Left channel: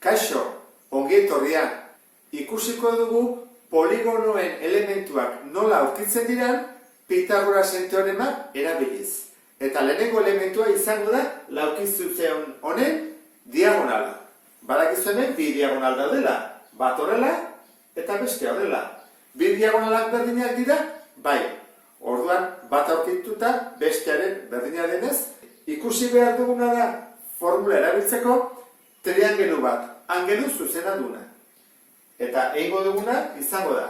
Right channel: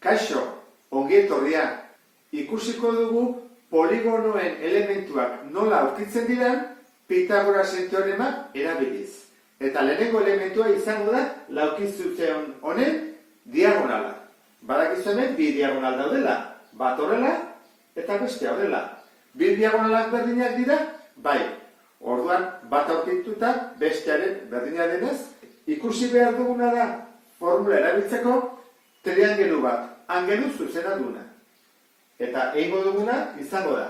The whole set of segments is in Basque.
Kaixo, ongi etorria. Ikusiko dugu poligonoen elementuak nola aurkitzen diren Pitagorasen teorema erabiliz. Eta lehenengo elementua izango da laukizutzeon honen diagonala. Badakizu hemen bi diagonal daudela, bat horrela eta beste horrela. Bi diagonalak berdinak dira, bai. Orduan bat aurkituta bestearen berdina denez, ikusi behar duguna da formula erabiltzeko triangelu bat, angelu zuzena duna. Eta egingo duguna izango da.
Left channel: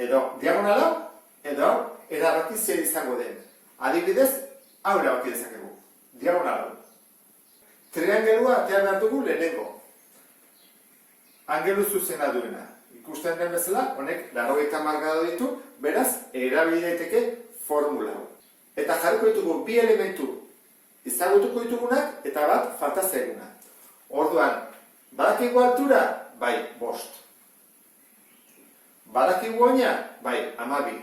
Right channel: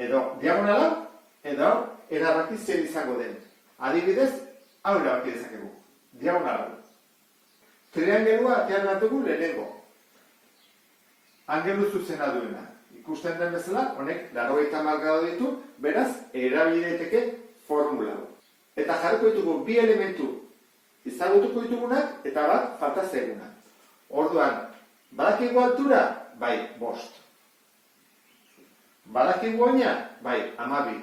Edo diagonala, edo erabaki zer izango den. Adibidez, hau erabaki dezakegu. Diagonala. Triangelua atean behar dugu lehenengo. Angelu zuzena duena. Ikusten den bezala, honek 80 gradu ditu, beraz, erabili daiteke formula. Eta jarriko ditugu bi elementu ezagutuko ditugunak eta bat falta zaiguna. Orduan, badakigu altura? Bai, 5. Badakigu oina? Bai, 12.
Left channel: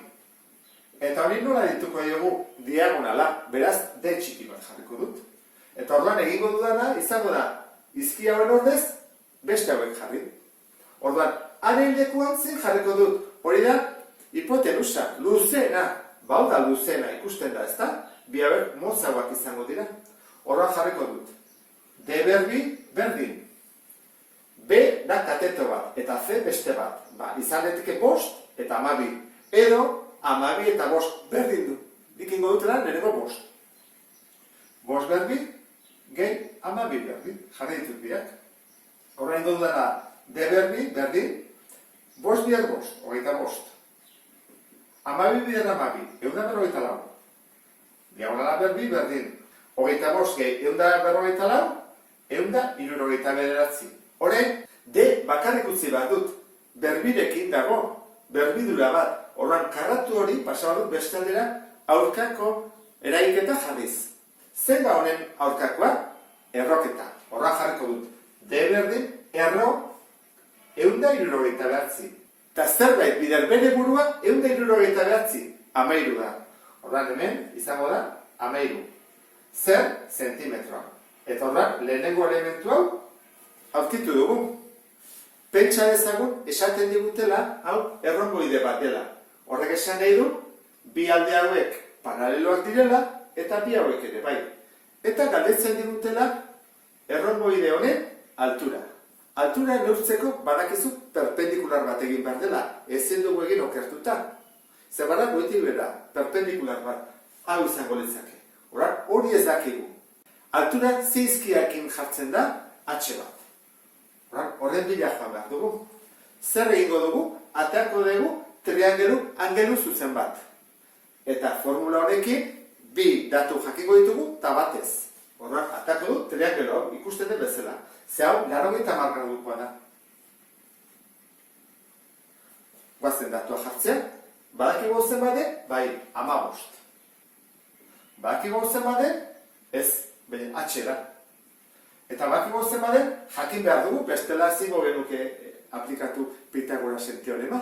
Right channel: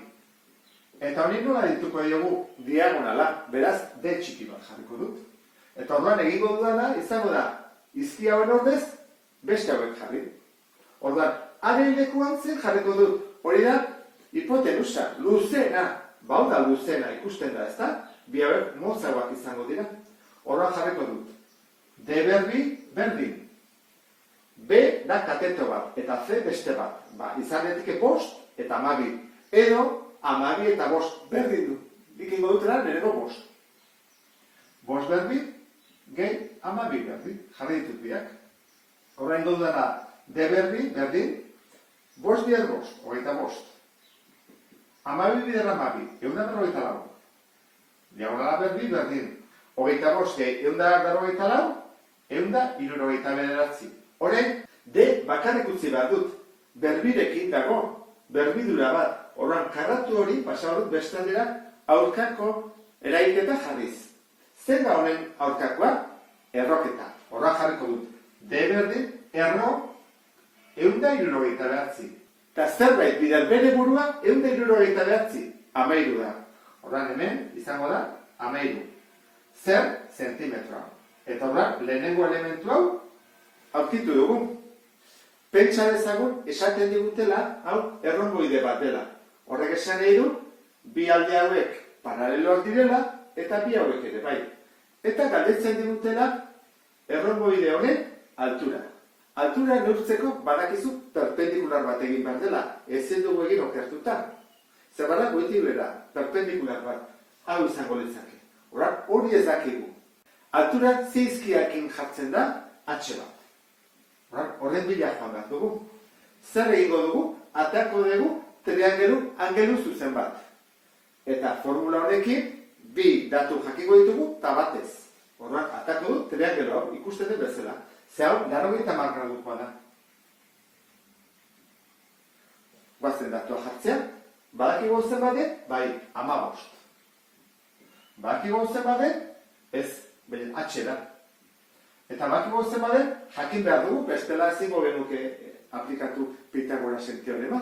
Eta hori nola dituko diogu diagonala, beraz, D txiki bat jarriko dut. Eta orduan egingo dudana izango da, izki hauen ordez, beste hauek jarri. Orduan, haren lekuan zen jarriko dut, hori da, hipotenusa, luzena, bau da luzena ikusten da, ezta? Bi hauek motzagoak izango dira. Orduan jarriko dut. D berbi, berdin. B da kateto bat, eta C beste bat. Izan daiteke 5 eta 12. Edo, 12 eta 5 berdin du. Dikingo dutela, lehenengo 5. 5 berbi, gehi 12 berbi. Jarri ditut biak. Horrein dudana, D berbi, berdin. 5 bier 5, 25. 12 bier 12, 154. Diagonala berbi, berdin. 25 gehi 154, 169. Horrein, D bakarrik utzi behar dut. Berbirekin dago, berbidura bat. Horrein, karratu hori pasa dut beste aldera aurkako eragiketa jarriz. Zer da honen aurkakoa? Erroketa. Horrein jarriko dut. D berdin, erro, 169. Eta zerbait bider bere burua 169. 13 da. Horrein hemen izango da 13. Zer zentimetroa. Eta horrein lehenengo elementu hau aurkitu dugu. Pentsa dezagun esaten digutela hau erronboide bat dela. Horrek esan nahi du bi alde hauek paraleloak direla eta bi hauek ere bai. Eta galdetzen digutela erronboide honen altura. Altura neurtzeko badakizu perpendikular bat egin behar dela. Ezin dugu egin okertuta. Zer bada goitik bera, perpendikular bat. Hau izango litzake. Hori ez dakigu. Altura zeizkiakin jartzen da H bat. Horren bila joan behar dugu. Zer egingo dugu? Ateako dugu triangelu angelu zuzen bat. Eta formula honekin bi datu jakingo ditugu eta batez. Horren ateako du triangelu hau ikusten den bezala. Ze hau 80 gradukoa da. Guazen datua jartzen. Badakigu zen bade? Bai, 15. Badakigu zen bade? Ez, beren H da. Eta badakigu zen bade? Jakin behar dugu, bestela ezingo genuke aplikatu Pitagorasen teorema.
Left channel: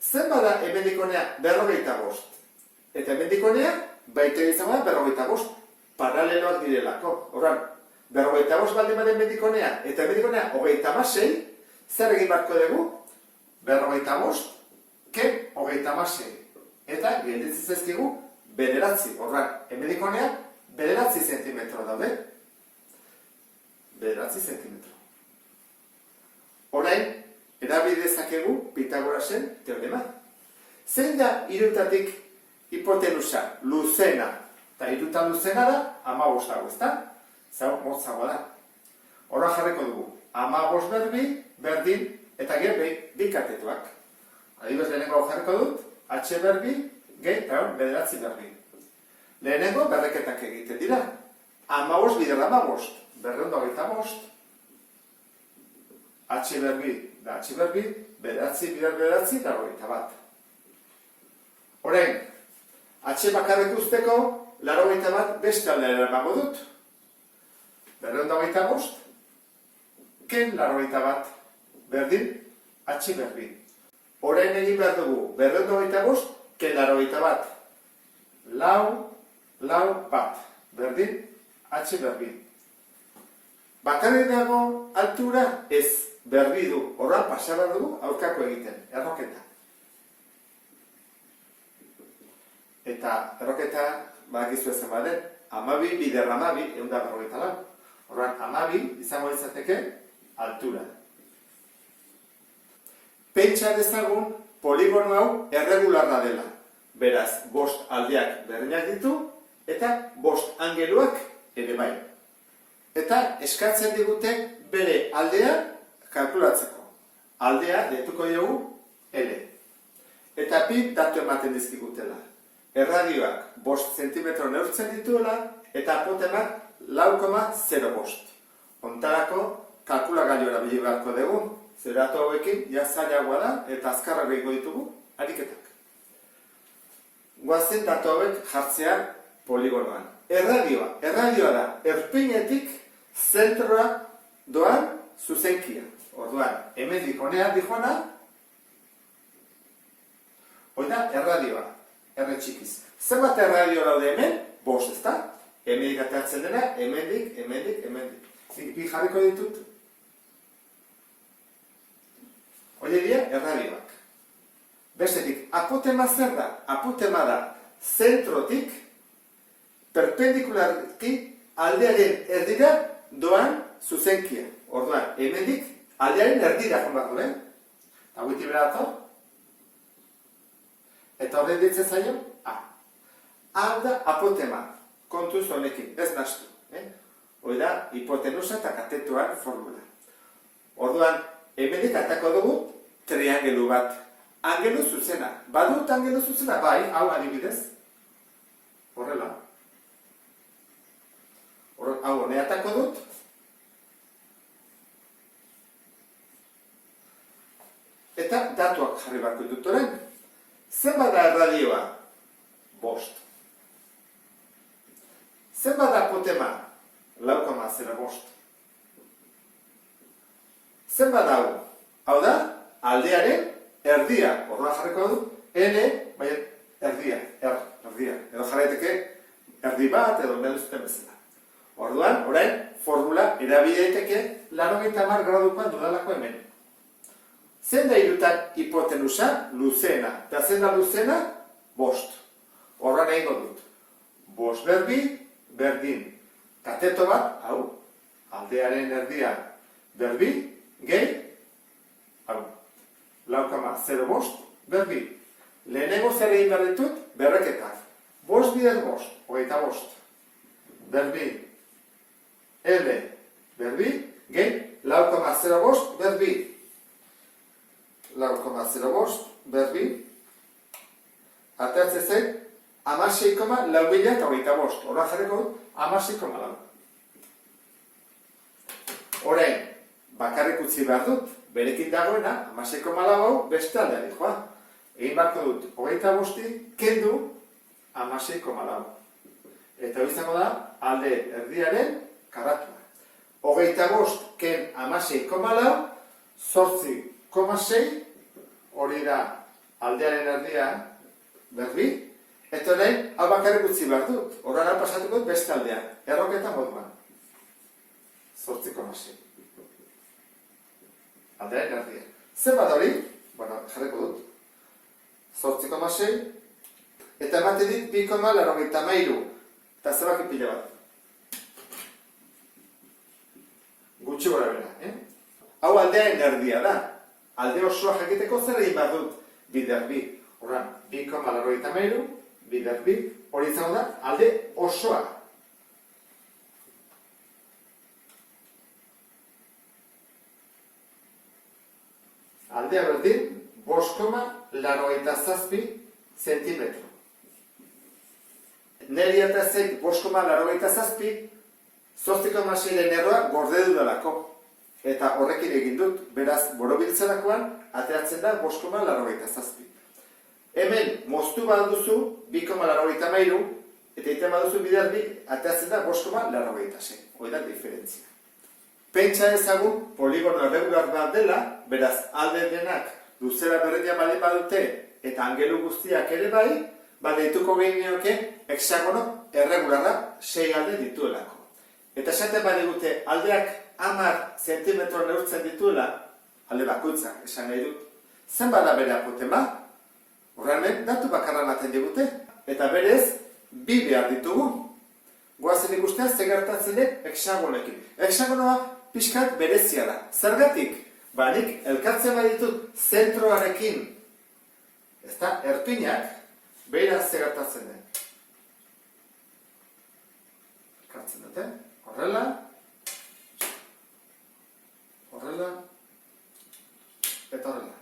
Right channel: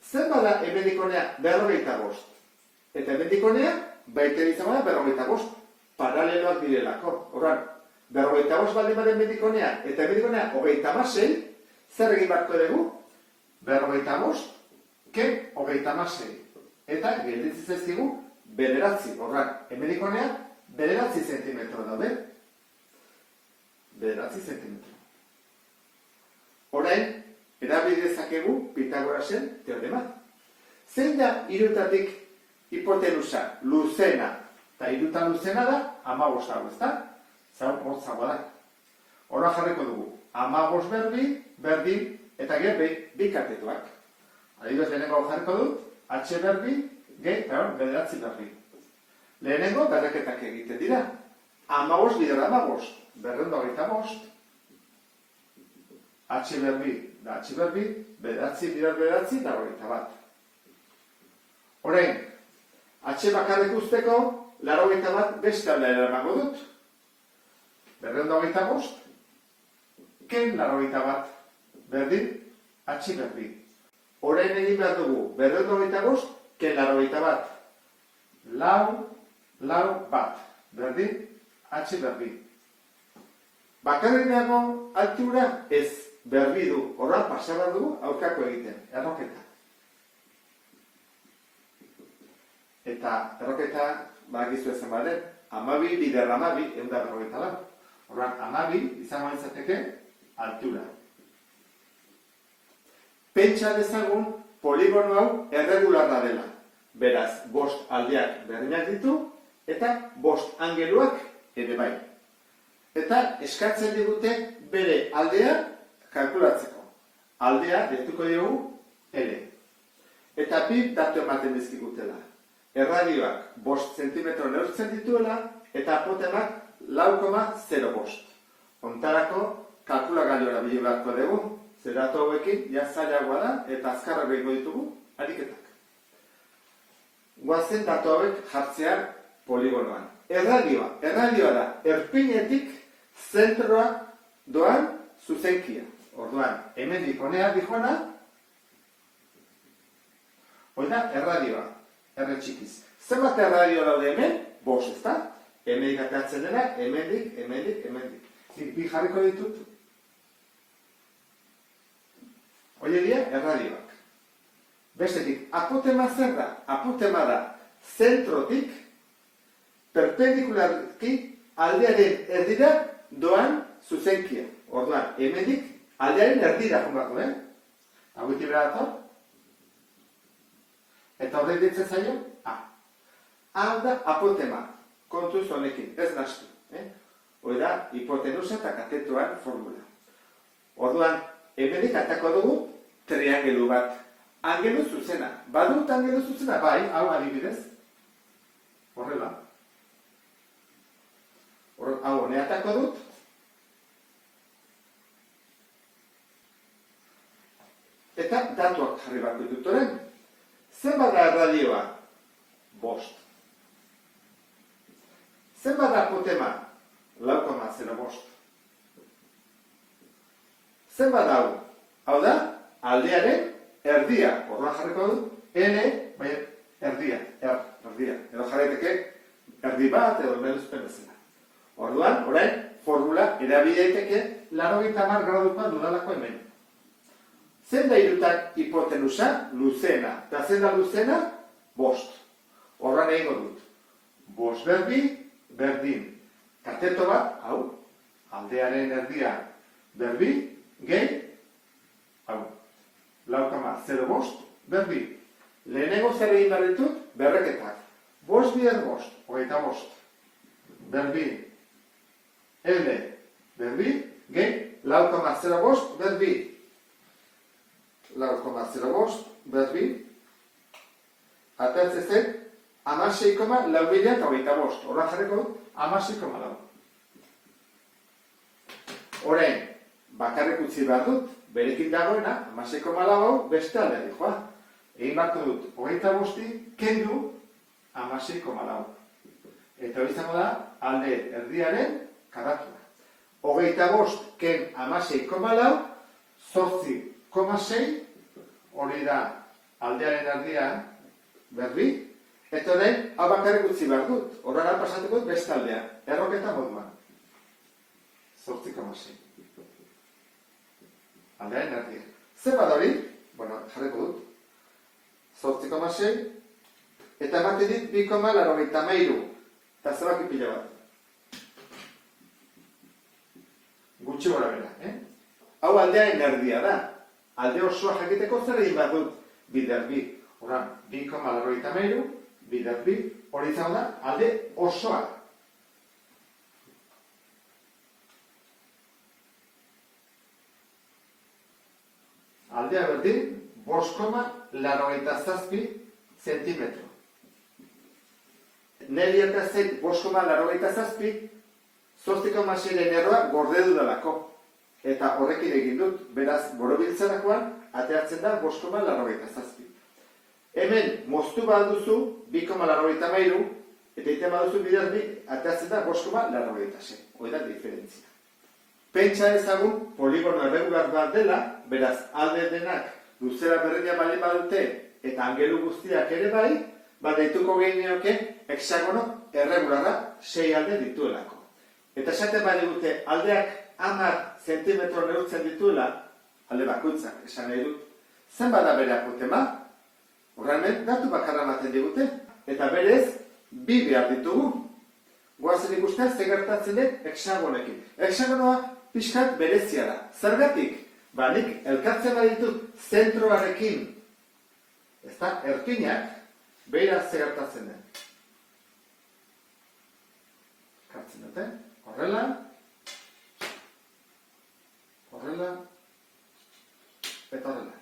Zen bada hemendikonea 45. Eta hemendikonea baita izan bada 45. Paraleloak direlako. Horran, 45 baldin baden hemendikonea eta hemendikonea 36, zer egin beharko dugu? 45 ken 36. Eta gelditzen zaizkigu 9. Horran, hemendikonea 9 zentimetro daude. 9 zentimetro. Orain, erabili dezakegu Pitagorasen teorema. Zein da hirutatik hipotenusa luzena? Eta hirutan luzena da 15 dago, ezta? Zau, motzagoa da. Horra jarriko dugu. 15 berbi, berdin, eta gero bi katetuak. Adibidez lehenengo hau jarriko dut, H berbi, gehi, eta hor, 9 berbi. Lehenengo berdeketak egiten dira. 15 bider 15, 225. H berbi, da H berbi, 9 bider 9, eta 21. Orain, H bakarrik usteko, 81 beste aldera emango dut. 225, ken 81, berdin, H berbi. Orain egin behar dugu, 225, ken 81. Lau bat, berdin, H berbi. Bakarrik dago altura ez, berbi du, horra pasaba dugu aurkako egiten, erroketa. Eta erroketa, badakizu ezen baden, 12 bider 12, 154. Horran, 12 izango izateke altura. Pentsa dezagun poligono hau erregularra dela. Beraz, 5 aldeak berdinak ditu, eta 5 angeluak ere bai. Eta eskatzen digute bere aldea kalkulatzeko. Aldea deituko diogu L. Eta bi datu ematen dizkigutela. Erradioak 5 zentimetro neurtzen dituela, eta apotenak 4,05. Ontarako kalkulagailu erabili beharko dugu, zer datu hauekin zailagoa da eta azkarrak egingo ditugu ariketak. Goazen datu hauek jartzea poligonoan. Erradioa da erpinetik zentroa doan zuzenkia. Orduan, hemendik honea dijoana, hori da erradioa. Erre txikiz. Zenbat erradio daude hemen? 5, ezta? Hemendik atatzen dena, hemendik. Bi jarriko ditut. Hori dira erradioak. Bestetik, apotema zer da? Apotema da zentrotik perpendikularki aldearen erdira doan zuzenkia. Orduan, hemendik aldearen erdira joan behar du, Hau iti bera dator? Eta horrein ditzen zaio? A. Hau da apotema. Kontuz honekin, ez nastu. Hoi da, hipotenusa eta katetuan formula. Orduan, hemenik atako dugu triangelu bat. Angelu zuzena. Badut angelu zuzena? Bai, hau adibidez. Horrela. Hau hone atako dut. Eta datuak jarri barko ditut orain. Zenbat da erradioa? 5. Zenbat da apotema? 4,05. Zenbat da hau? Hau da, aldearen erdia. Horra jarriko dut, N, baina erdia. Edo jarraiteke erdi bat edo meduzten bezala. Orduan, orain, formula erabili daiteke 90 gradukoa dudalako hemen. Zen da irutak hipotenusa? Luzena. Eta zen da luzena? 5. Horran egingo dut. 5 berbi, berdin. Kateto bat, hau, aldearen erdia berbi, gehi, hau, 4,05 berbi. Lehenengo zer egin behar ditut, berreketak. 5 bider 5, 25. Berbi, L, berbi, gehi, 4,05 berbi. 4,05 berbi. Ateatze zen, 16,425. Horra jarriko dut, 16,4. Orain, bakarrik utzi behar dut, berekin dagoena, 16,4 beste aldea dihoa. Egin barko dut, 25 kendu 16,4. Eta hori izango da, alde erdiaren karratua. 25 ken 16,4, 8,6, hori da aldearen erdia berbi, eta orain, hau bakarrik utzi behar dut. Horrela pasatuko dut beste aldea, erroketa moduan. 8,6. Aldearen erdia. Zer bat hori? Bueno, jarriko dut. 8,6. Eta ematen dit 2,83. Eta zebaki pila bat. Gutxi gora bera, Hau aldearen erdia da. Alde osoa jakiteko zer egin behar dut bider bi. Horran, 2,83, bider bi, hori izango da, alde osoa. Aldea berdin, 5,87 zentimetro. Neri eta zeit 5,87, 8,6 erroa gorde dudalako. Eta horrekin egin dut, beraz, borobiltzerakoan, ateatzen da 5,87. Hemen, moztu baduzu, 2,83, eta egiten baduzu bider bi, ateatzen da 5,86. Hoi da diferentzia. Pentsa ezagun, poligono erregular bat dela, beraz, alde denak luzera berdina bali badute, eta angelu guztiak ere bai, deituko gehineoke, hexagono erregularra 6 alde dituelako. Eta esaten badigute aldeak 10 zentimetro neurtzen dituela, alde bakoitzak esan nahi dut, zenbat da bere apotema? Horremen, datu bakarra ematen digute, eta berez, bi behar ditugu. Goazen ikustea, ze gertatzen den hexagonekin. Hexagonoa pixkat berezia da. Zergatik? Ba, nik elkartzen baditut zentroarekin, ezta, erpinak, behira ze gertatzen den. Elkartzen dute, horrela, eta horrela.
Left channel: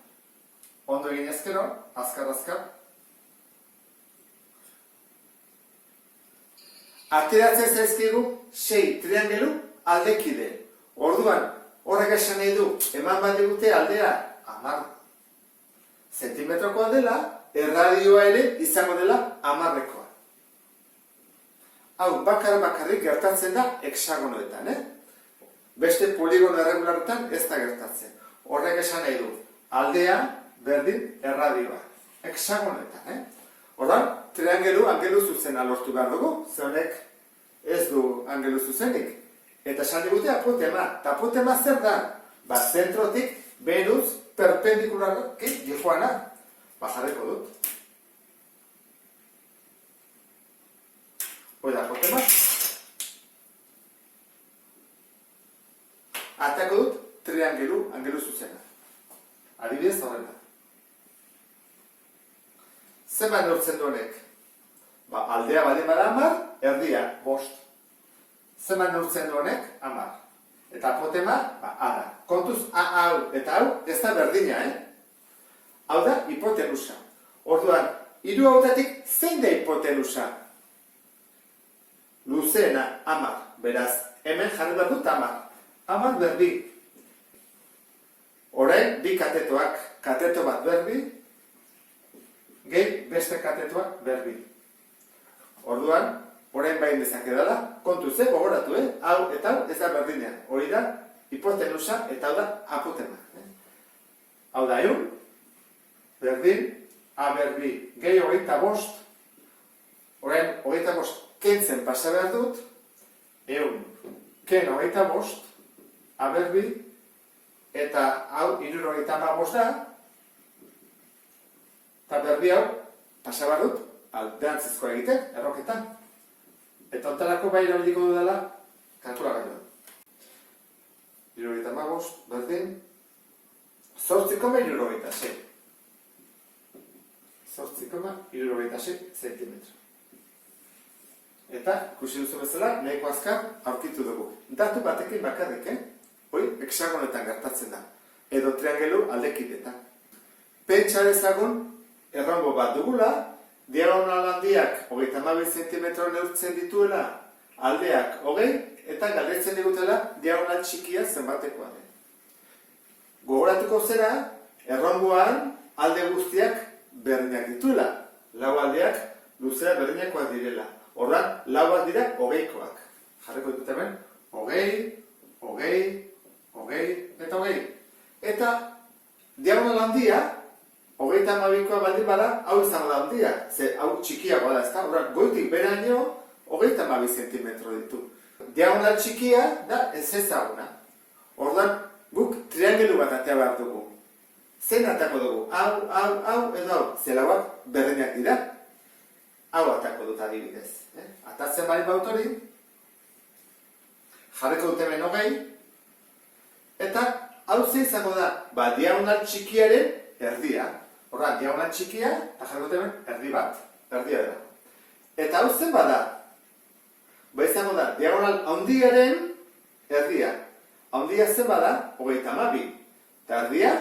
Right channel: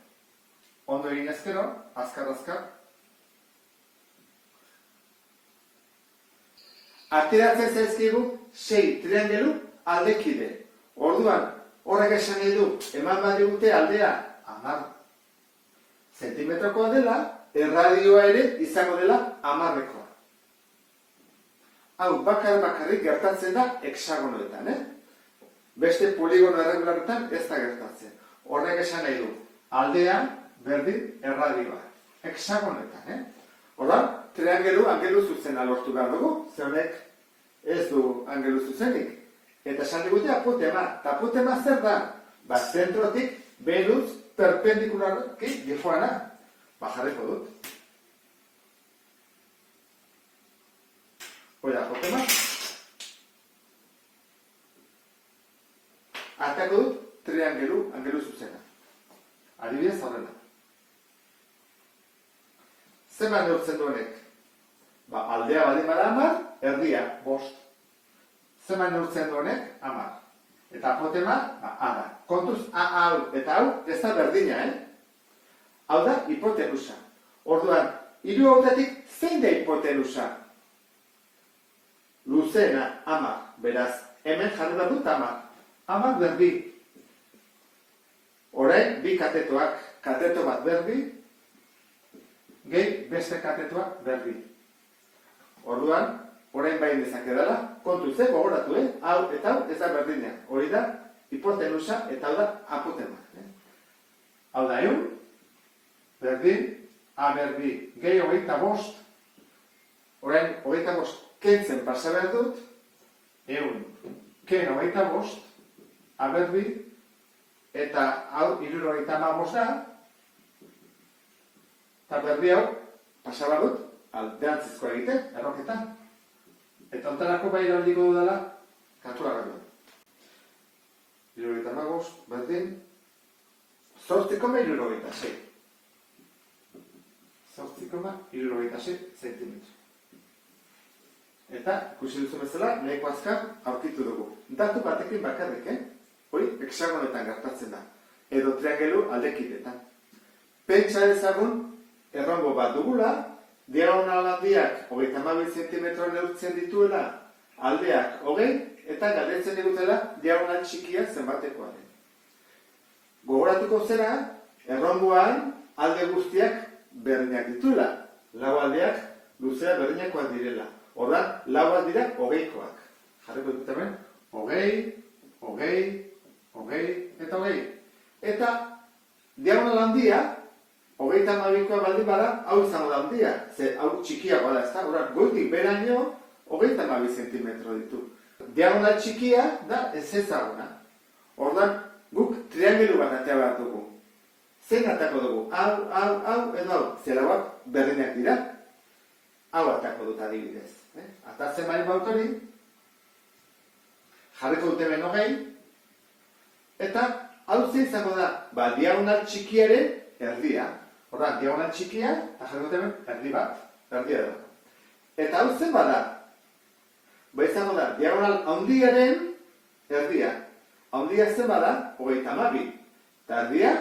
Ondo egin ezkero, azkar. Ateratzen zaizkigu 6 triangelu aldekide. Orduan, horrek esan nahi du, eman badigute aldea 10 zentimetrokoa dela, erradioa ere izango dela 10-ekoa. Hau, bakarrik gertatzen da hexagonoetan, Beste poligono erregularetan ez da gertatzen. Horrek esan nahi du, aldea berdin erradioa. Hexagonetan, Orduan, triangelu angelu zuzena lortu behar dugu, ze honek ez du angelu zuzenik. Eta esan digute apotema. Eta apotema zer da? Ba, zentrotik Venus perpendikularki joana. Ba, jarriko dut. Hoi da apotema. Atako dut triangelu angelu zuzena. Adibidez horrela. Zenbat neurtzen du honek? Ba, aldea baldin bada 10, erdia 5. Zenbat neurtzen du honek? 10. Eta apotema, ba, A da. Kontuz, hau eta hau ez da berdina, Hau da hipotenusa. Orduan, hiru hautatik zein da hipotenusa? Luzeena, 10. Beraz, hemen jarri bat dut 10. 10 berbi. Orain, bi katetoak, kateto bat berbi, gehi beste katetoak berbi. Orduan, orain bain dezake dela, kontuz, gogoratu, hau eta hau ez da berdina. Hori da, hipotenusa eta hau da apotema. Hau da, berdin, A berbi, gehi 25, orain 25 kentzen pasa behar dut, ken 25, A berbi, eta hau 75 da, eta berbi hau pasa behar dut, aldeantzizkoa egiten, erroketan. Eta ontarako bai eraldiko dudala, kalkulagailuan. 75, berdin, 8,76. 8,76 zentimetro. Eta, ikusi duzu bezala, nahiko azkar aurkitu dugu. Datu batekin bakarrik, Hoi, hexagonetan gertatzen da. Edo triangelu aldekidetan. Pentsa dezagun, errongo bat dugula, diagonal handiak 32 zentimetro neurtzen dituela, aldeak 20, eta galdetzen digutela diagonal txikia zenbatekoa den. Gogoratuko zera, errongoan alde guztiak berdinak dituela. Lau aldeak luzea berdinakoak direla. Horran, lauak dira 20koak. Jarriko ditut hemen, 20, 20, 20, eta 20. Eta diagonal handia, 32koa baldin bada, hau izango da handia. Ze hau txikiagoa da, ez da? Horran, goitik beraino, 32 zentimetro ditu. Diagonal txikia da ez ezaguna. Horran, guk triangelu bat atea behar dugu. Zein atako dugu? Hau, edo hau. Zelauak berdinak dira. Hau atako dut adibidez. Atatzen bari bautori, jarriko dut hemen 20, eta hau ze izango da, ba, diagonal txikiaren erdia. Horra, diagonal txikia, eta jarriko dut hemen erdi bat, erdia da. Eta hau zen bada, ba izango da, diagonal handiaren erdia. Handia zen bada, 32, eta erdia,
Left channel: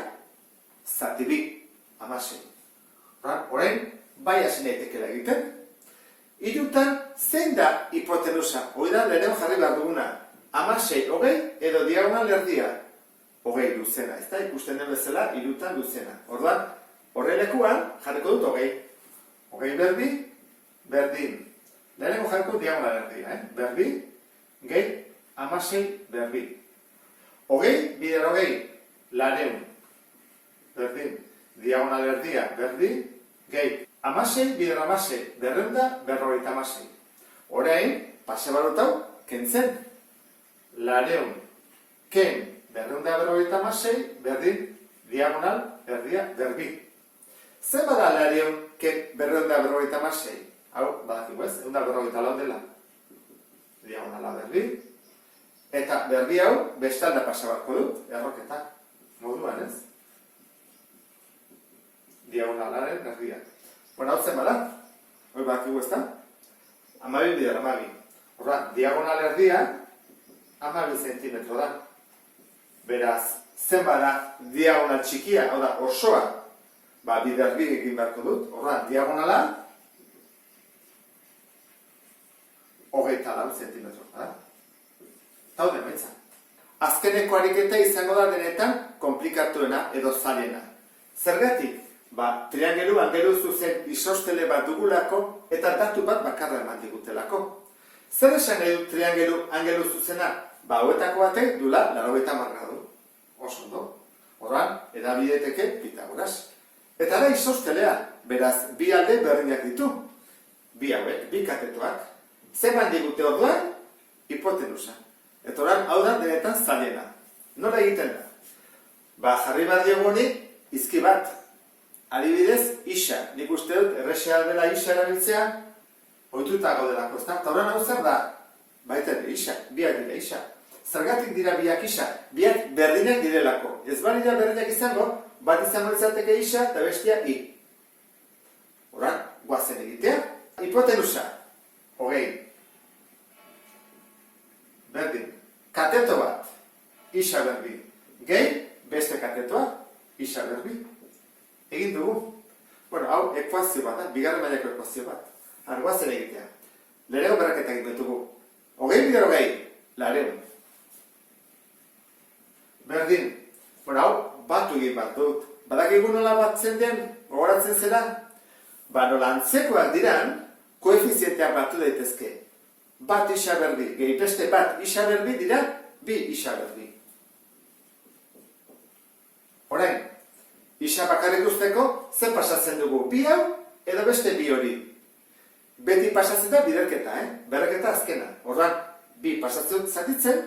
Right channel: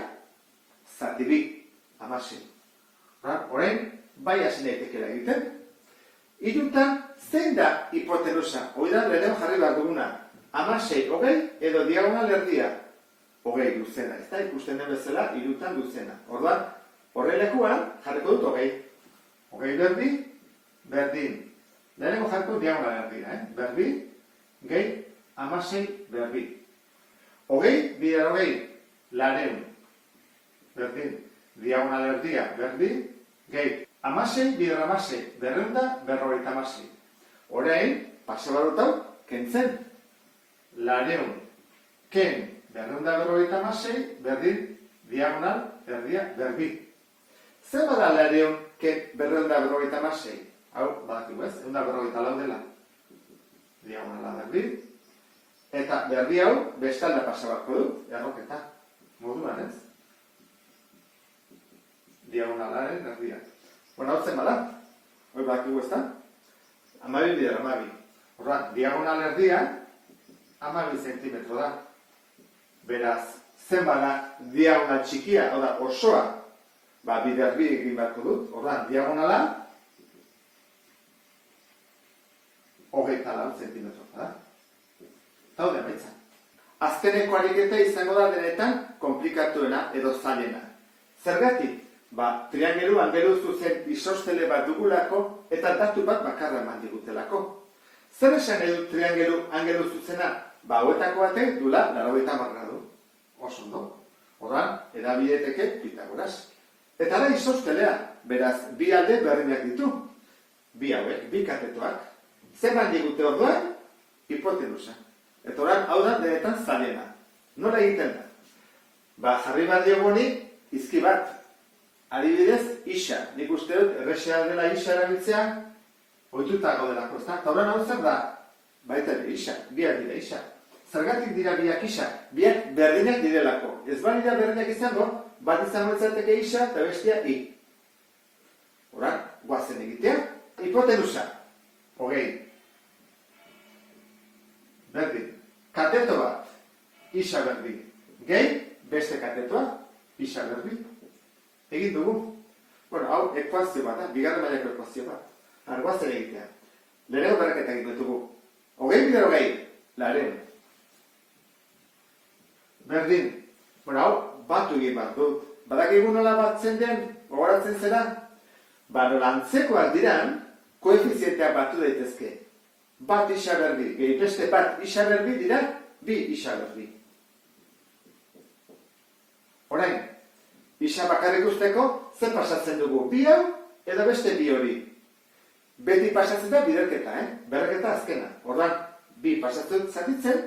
zati 2, 16. Horrein, bai hasi naitekela egiten. Hirutan, zein da hipotenusa? Hoi da, lehenago jarri behar duguna. 16, 20, edo diagonal erdia. 20 luzena, ez da, ikusten den bezala, hirutan luzena. Orduan, horrelekuan jarriko dut 20. 20 berdi, berdin. Lehenago jarriko diagonal erdia, berdi, gehi, 16 berdi. 20, bider 20, lareun. Berdin, diagonal erdia, berdi, gehi. 16, bider 16, berreunda, berrogeita 16. Orain, pase barot hau, kentzen. Lareun, ken 256 berdin diagonal erdia berbi. Zer bada lareun ken 256? Hau, badakigu ez, 154 dela. Diagonala berbi. Eta berbi hau, bestalda pasabarko dut, erroketa. Moduan ez? Diagonalaren erdia. Bueno, hau zen bada. Hoi badakigu ez da? 12 bider 12. Horra, diagonal erdia 12 zentimetro da. Beraz, zen bada diagonal txikia, hau da, osoa, bider bi egin beharko dut. Horra, diagonala 24 zentimetro da. Eta hau demaitza. Azkeneko ariketa izango da denetan komplikatuena edo zailena. Zergatik? Triangelu angelu zuzen isostele bat dugulako eta datu bat bakarra eman digutelako. Zer esan nahi du triangelu angelu zuzena? Hauetako batek dula 90 gradu. Oso ondo. Horran, edabideteke Pitagoras. Eta da isostelea, beraz, bi alde berdinak ditu. Bi hauek, bi katetoak. Zer eman digute orduan? Hipotenusa. Eta horran, hau da denetan zailena. Nola egiten da? Jarri bat diogoni, izki bat. Adibidez, isa. Nik uste dut, errexea dela isa erabiltzea, ohitutako delako, ezta? Eta horren hau zer da? Baita ere, isa. Biak dira isa. Zergatik dira biak isa? Biak berdinak direlako. Ez balira berdinak izango, bat izango izateke isa eta bestia i. Horren, guazen egitea. Hipotenusa. Hogei. Berdin. Kateto bat. Isa berdi. Gehi, beste katetoa. Isa berdi. Egin dugu. Bueno, hau ekuazio bat da, bigarren mailako ekuazio bat. Guazen egitea. Lehenengo berraketa egin dugu. Hogei bider hogei. Lareun. Berdin. Bueno, hau batu egin bat dut. Badakigu nola batzen den, gogoratzen zera? Nola antzekoak diran, koefizientea batu daitezke. Bat isa berdi. Gehi beste bat isa berdi dira, bi isa berdi. Orain, isa bakarrik usteko, zer pasatzen dugu? Bi hau, edo beste bi hori. Beti pasatzen da biderketa, berreketa azkena. Orduan, bi pasatzen zatitzen,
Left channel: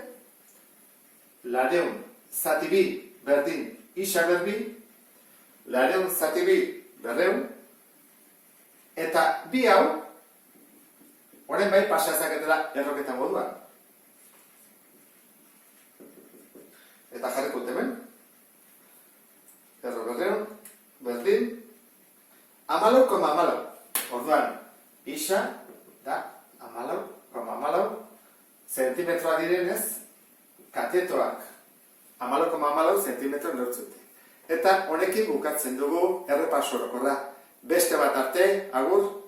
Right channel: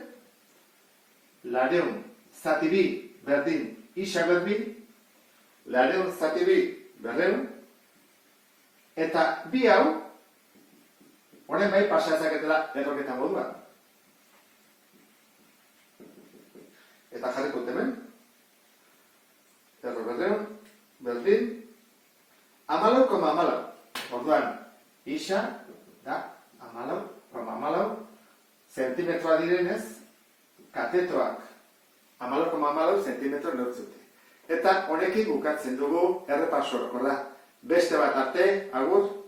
lareun, zati bi, berdin, isa berdi, lareun, zati bi, berreun, eta bi hau, orain bai pasazaketela erroketa moduan. Eta jarriko hemen. Erro berreun, berdin, 14,14. Orduan, isa da 14,14 zentimetroa direnez, katetoak 14,14 zentimetro neurtzute. Eta honekin bukatzen dugu errepaso orokorra. Beste bat arte, agur.